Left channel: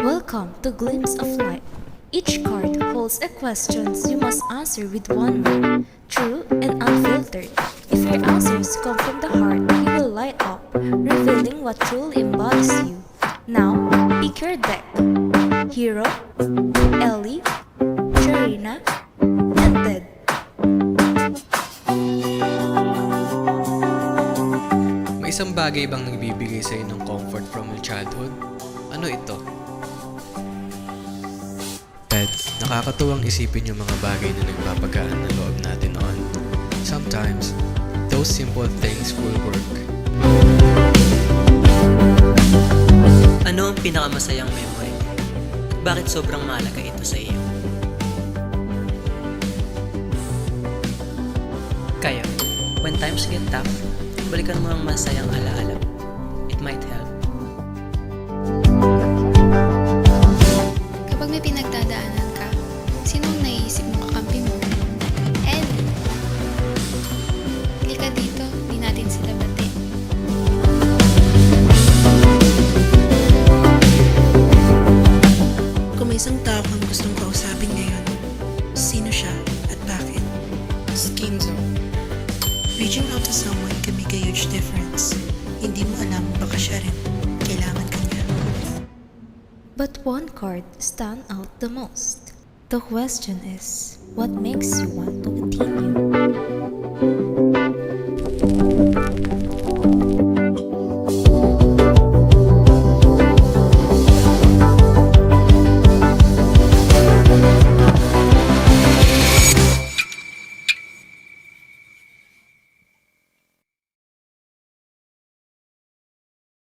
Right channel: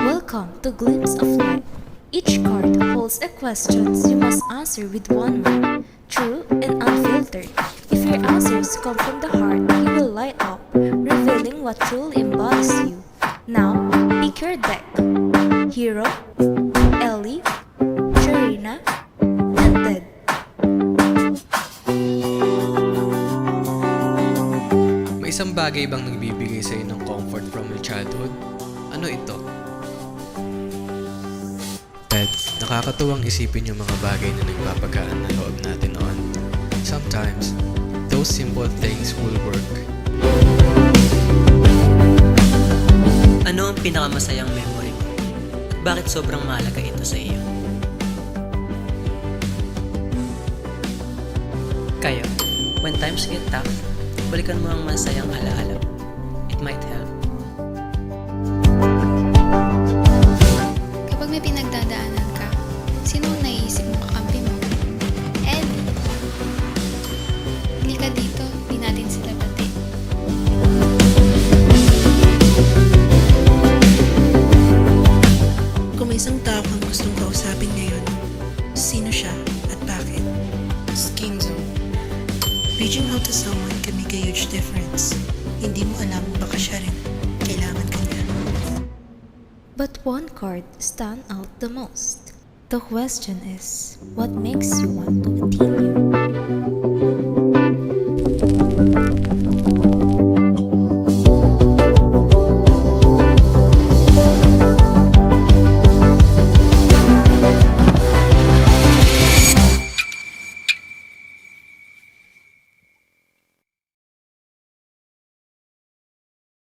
Welcome to Glimpse of Light. Each card holds a question you must answer with one word, true and unfiltered. If your answers come from the heart, you will light up, revealing what truly embodies you. Now, pick your deck. Hero, Ellie, Sharina, and Ted. May isang bagay bang nagbibigay sa'yo ng comfort from your childhood? Ano ito? Ted, nakakatuwang isipin yung mga bagay na nagpapagaan ng loob natin noon. Sometimes, those simple things will work. Ano ang pinakamasayang memory mo? At bakit sobrang mahalaga ito sa iyo? Kayo, when times get tough, balikan mo ang masayang alaala. It might help. Kapag may pinagdadaanan ka, sino ang naiisip mong kakampi mo? Ellie. Halika dito, di natin sila bati. Kung may isang tao kang gustong kausapin ngayon, sino siya at bakit? Skin zone. Reaching out to someone can make a huge difference. Hindi mo alam, baka siya rin. Kailangan ka niya. But one card stands out the most. The question is, what makes you want to continue?